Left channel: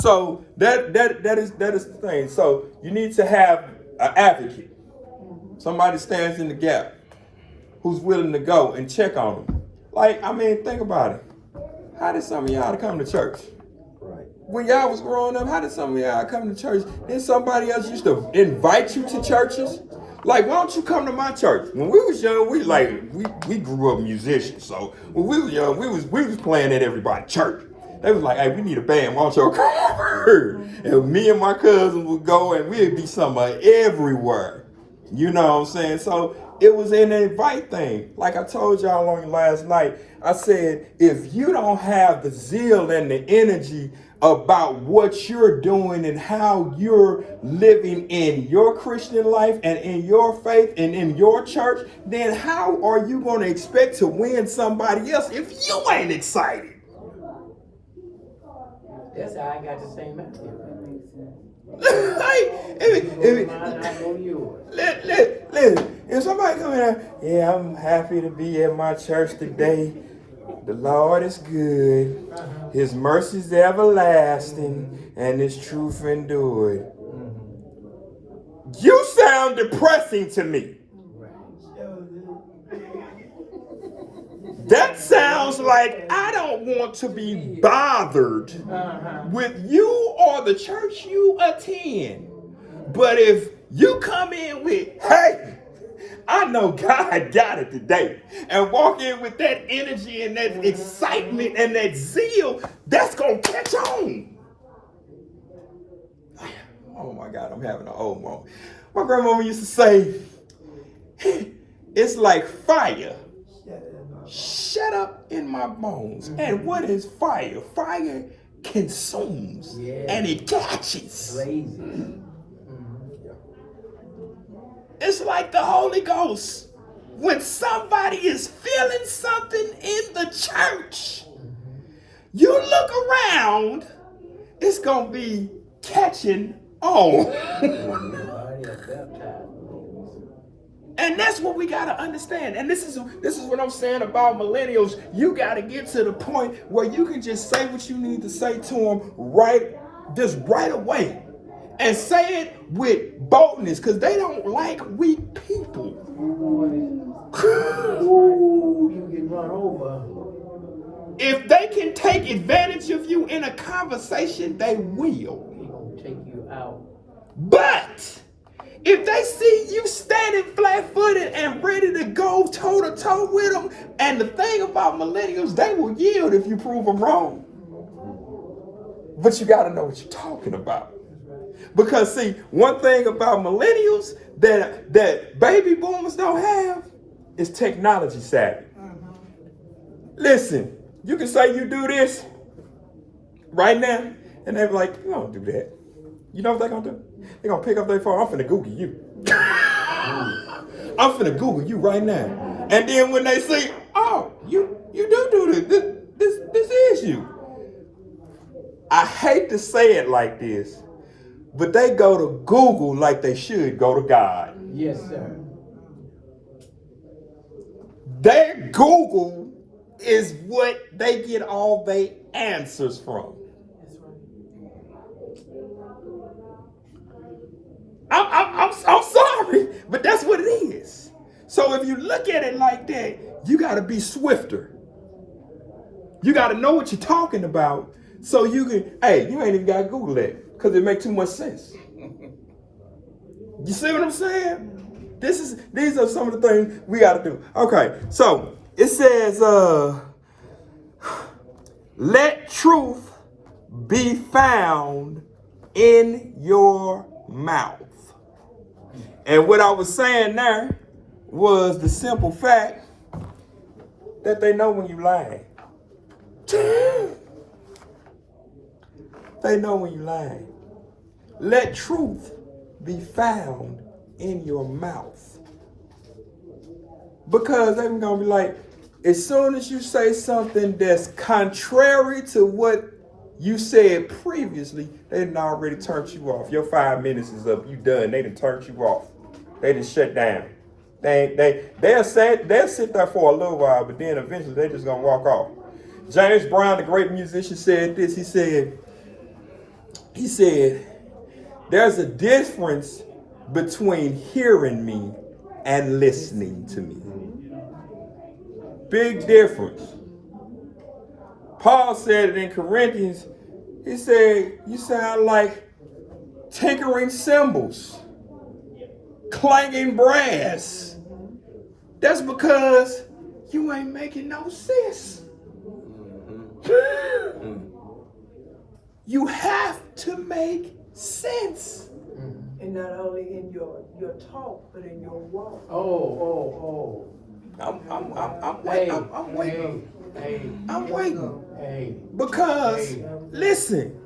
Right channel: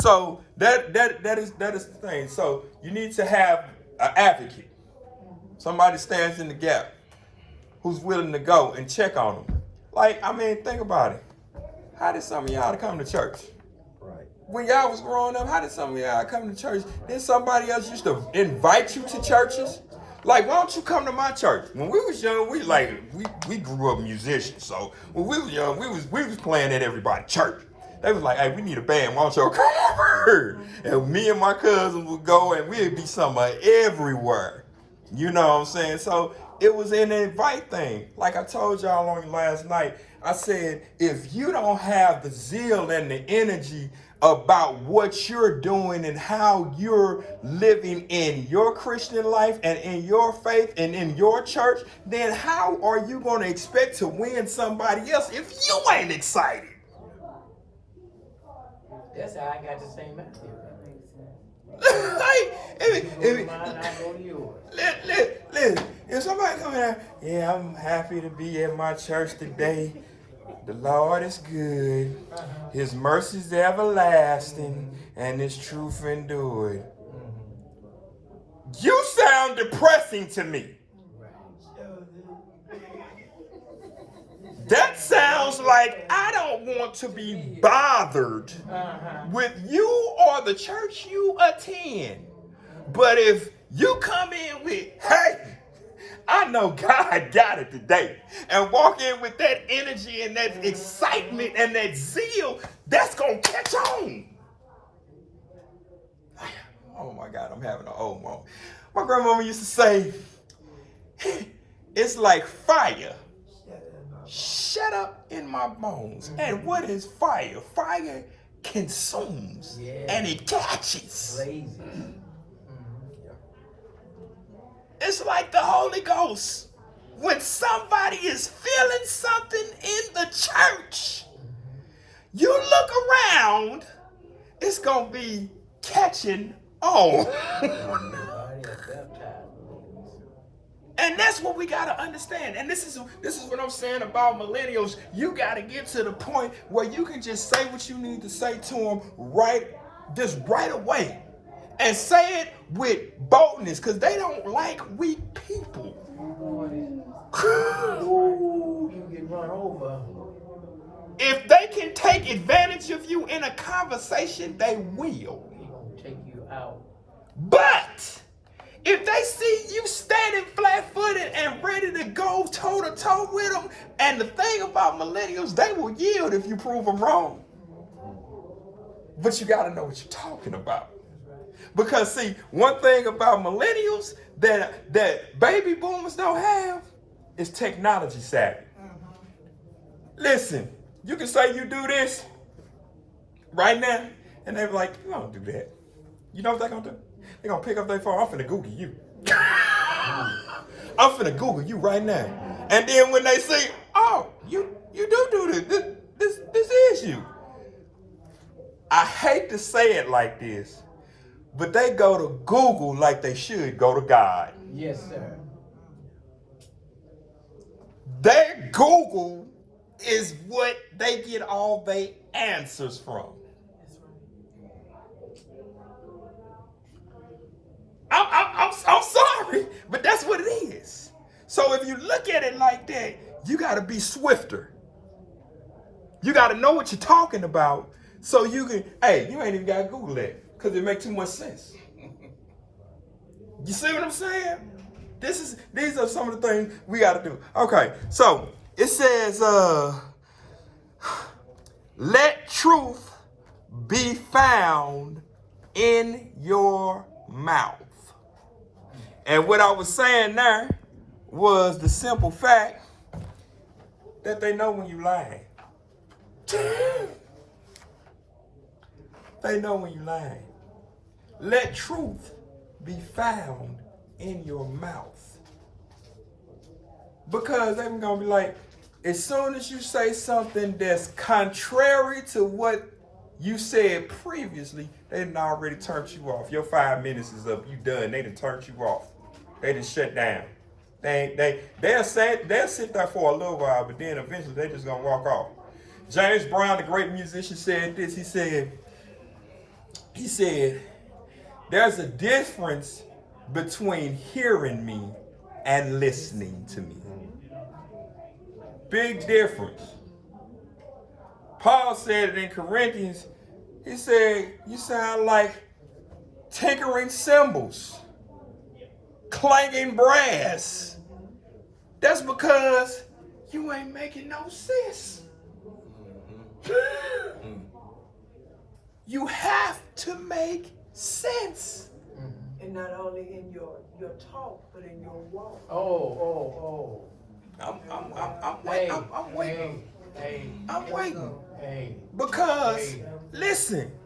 So that is the thing. So you need to have an advocate, somebody stands in the gap, who's willing to go and check on them. Like, I mean, think about it. How did some of y'all come to church? Right. When y'all was growing up, how did some of y'all come to church? Then somebody else used to invite you to churches? Like, why don't you come to my church? When we was young, we grew up musicians. So when we was young, we was playing at everybody's church. They was like, hey, we need a band, why don't y'all come over? And me and my cousins would go and we'd be somewhere everywhere. You know what I'm saying? So it was an invite thing. Like I told y'all on last night, I said, if you don't have the zeal and the energy about what you're doing and how you're living in your Christian life and in your faith and in your church, then how are you going to expect to win somebody else if you ain't excited? That's how I got the same attitude. Listen, if somebody come in, yeah, I'm happy to be at my church today. The Lord is good. His mercy is everlasting, and His truth endured. You sound depressing to me. That sounds like I don't want to be bothered with you or the church you attend. But if you come in with, hey, I know God got it today, and walk in with that energy and that excitement and that zeal, that's going to catch on. Oh my God, I'm having an old moment. My grandmama used to say, it's like fire. Shut up in my bones. And what is fire? Fire consumes and it catches. It's like the Holy Ghost. When somebody is feeling something in the church, you look around, it's going to be catching on. And that's what we got to understand. And this is what I'm saying about millennials. You got to get to the point where you can just say what you need to say to them right away. And say it with boldness, because they don't like weak people. If they can take advantage of you in a conversation, they will. Take you out. But if they see you standing flat-footed and ready to go toe-to-toe with them, and the thing about millennials, they will yield if you prove them wrong. But you got to know what you're talking about. Because see, one thing about millennials that baby boomers don't have is technology savvy. Listen, you can say you do this right now, and they're like, you don't do that. You know what they're gonna do? They're gonna pick up their phone. I'm finna Google you. I'm finna Google you right now. And then when they see, oh, you do this. This is you. I hate to say it like this, but they go to Google like they should go to God. Yes, sir. Their Google is what they get all their answers from. I'm sorry, but that's what it is. So if you look at it like that, you got to be swifter. You got to know what you're talking about, so you can, hey, you ain't even got to Google that, because it makes too much sense. You see what I'm saying? These are some of the things we got to do. Okay, so it says, let truth be found in your mouth. And what I was saying there was the simple fact that they know when you lying. They know when you lying. Let truth be found in your mouth. Because they're going to be like, as soon as you say something that's contrary to what you said previously, they done already turned you off. Your 5 minutes is up. You done. They done turned you off. They done shut down. They'll sit there for a little while, but then eventually they just gonna walk off. James Brown, the great musician, said this. He said, he said, there's a difference between hearing me and listening to me. Big difference. Paul said it in Corinthians. He said, you sound like tinkering cymbals, clanging brass. That's because you ain't making no sense. You have to make sense. And not only in your talk, but in your walk. I'm waiting. Hey. I'm waiting. Hey. Because, listen.